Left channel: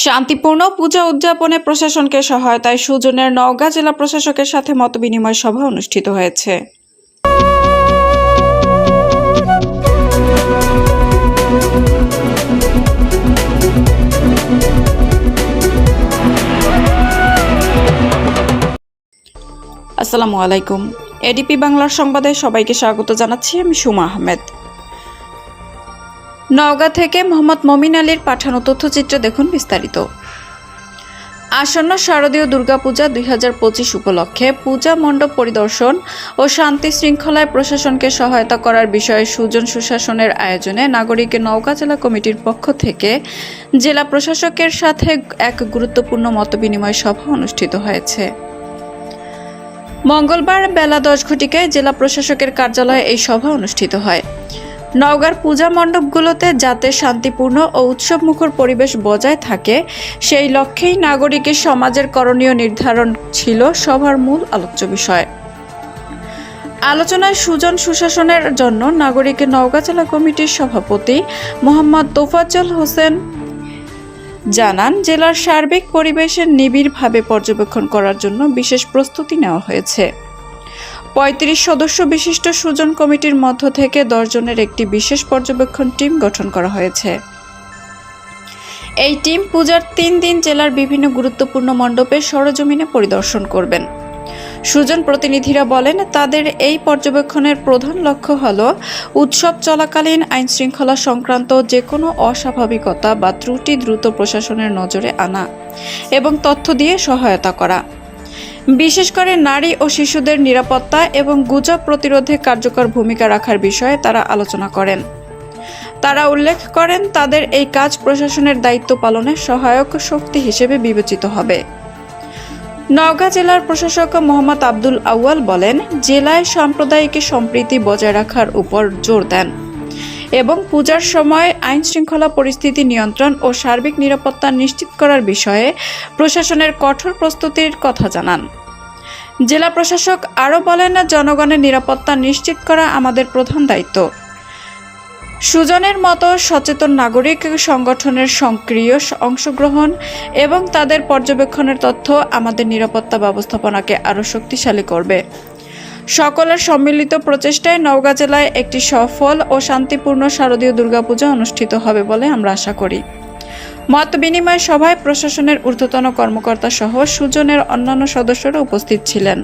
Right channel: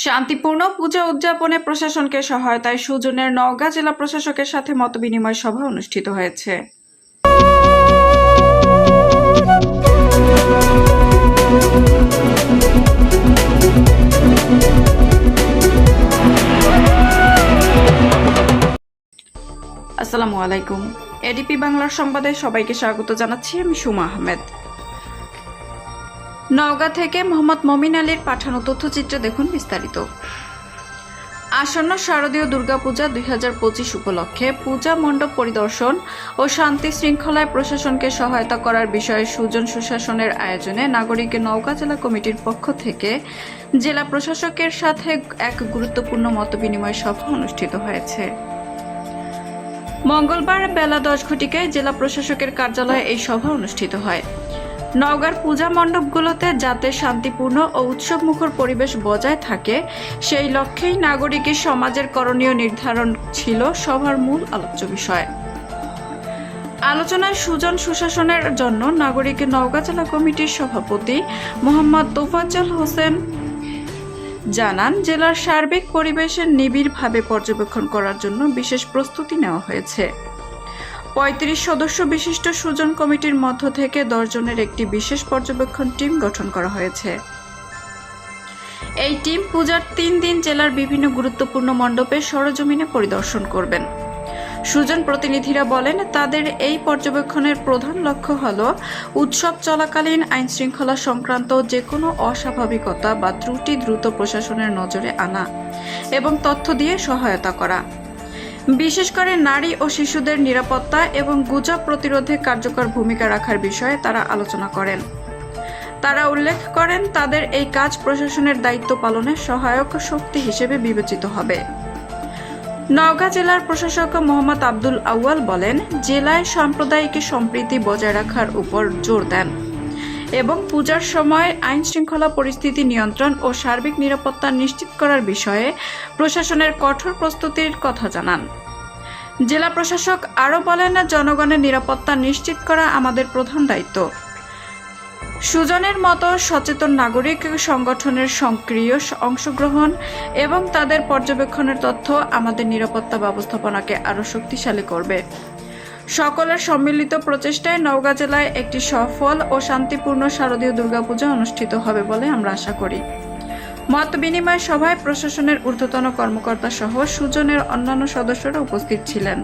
শান্তিপূর্ণ পূজা উদযাপনে প্রশাসনকে সহায়তায় সুজনের নওগাঁ জেলা প্রশাসকের সাথে মতবিনিময় সভা অনুষ্ঠিত হয়েছে। আসসালামু আলাইকুম। এডিপি বাংলার সংবাদে সবাইকে স্বাগত জানাচ্ছি। আমি সুমা আহমেদ। নওগাঁ থেকে মোহাম্মদ মমিন আলীর পাঠানো তথ্যচিত্রে দেখুন বিস্তারিত। আসন্ন শারদীয় দুর্গাপূজা দুই হাজার পঁচিশ উপলক্ষে পূজা মণ্ডপ পরিদর্শন ও শান্তি শৃঙ্খলায় প্রশাসনকে সহায়তা করার বিষয়ে সুজন সুশাসনের আয়োজনে নাগরিক নওগাঁ জেলা কমিটির পক্ষ থেকে জেলা প্রশাসকের সাথে এক গুরুত্বপূর্ণ মতবিনিময় সভা অনুষ্ঠিত হয়েছে। মঙ্গলবার বেলা দশ ঘটিকায় জেলা প্রশাসকের কার্যালয়ে এই সভা অনুষ্ঠিত হয়। নওগাঁর পূজা মণ্ডপগুলোতে যাতে শান্তিপূর্ণ ও উৎসবমুখর পরিবেশ বজায় থাকে, সেই লক্ষ্যেই নাগরিকের সমাজের করণীয় নির্ধারণ ছিল সভার মূল আলোচ্য বিষয়। আলোচনায় সুজন সুশাসনের জন্য নাগরিকের নওগাঁ জেলা কমিটির সভাপতি মোহাম্মদ তোফাজ্জল হোসেন জানান, জেলার সার্বিক পরিবেশের নিবিড়ভাবে পর্যবেক্ষণ করার জন্য বিশেষ প্রস্তুতি নেওয়া হয়েছে। পঁয়ত্রিশ সদস্য বিশিষ্ট সুজন কমিটির মধ্য থেকে দশজনের একটি বিশেষ পর্যবেক্ষণ টিম গঠন করা হয়েছে। এই টিম পূজার তিন দিন জেলার বিভিন্ন গুরুত্বপূর্ণ মণ্ডপে সরজমিনে পরিদর্শন করবেন। সুজন প্রতিনিধিরা বলেন, তাদের এই পর্যবেক্ষণের প্রধান লক্ষ্য হল উৎসব চলাকালীন আইন শৃঙ্খলা সংক্রান্ত যে কোনো অস্বাভাবিকতা বা ত্রুটি দ্রুত প্রশাসনের নজরে আনা এবং তথ্য দিয়ে সহায়তা করা। বিশেষ করে নারী ও শিশুদের নিরাপত্তা এবং গুজব প্রতিরোধে কার্যকর ভূমিকা রাখার বিষয়ে তারা আলোচনা করেন। তারা উল্লেখ করেন, তাদের এই কাজ প্রশাসনের দায়িত্ব পালনে সহায়ক শক্তি হিসেবে বিবেচিত হবে। নওগাঁ জেলার প্রশাসক মোহাম্মদ আব্দুল আউয়াল বলেন, জেলায় সাম্প্রদায়িক সম্প্রীতি বজায় রাখার উপর জোর দেন। এবং পূজার সময় আইন শৃঙ্খলা পরিস্থিতি নিয়ন্ত্রণ ও সার্বিক নিরাপত্তা নিশ্চিত করার বিষয়ে প্রশাসনের কঠোর প্রস্তুতির কথা জানান। জেলা প্রশাসক আরও বলেন, জনগণের নিরাপত্তা নিশ্চিত করা আমাদের প্রধান দায়িত্ব। সুজনের মতো সচেতন নাগরিক সংগঠনের সক্রিয় অংশগ্রহণ এবং তাদের পর্যবেক্ষণের তথ্য আমাদের নিরাপত্তা ব্যবস্থাপনাকে আরও শক্তিশালী করবে। সকলের সম্মিলিত প্রচেষ্টায় নওগাঁ জেলায় একটি সফল ও শান্তিপূর্ণ শারদীয় দুর্গাপূজা অনুষ্ঠিত হবে বলে আমরা আশা করি। মত বিনিময় সভায় প্রশাসনের ঊর্ধ্বতন কর্মকর্তা সহ সুজনের অন্যান্য সদস্যরা উপস্থিত ছিলেন।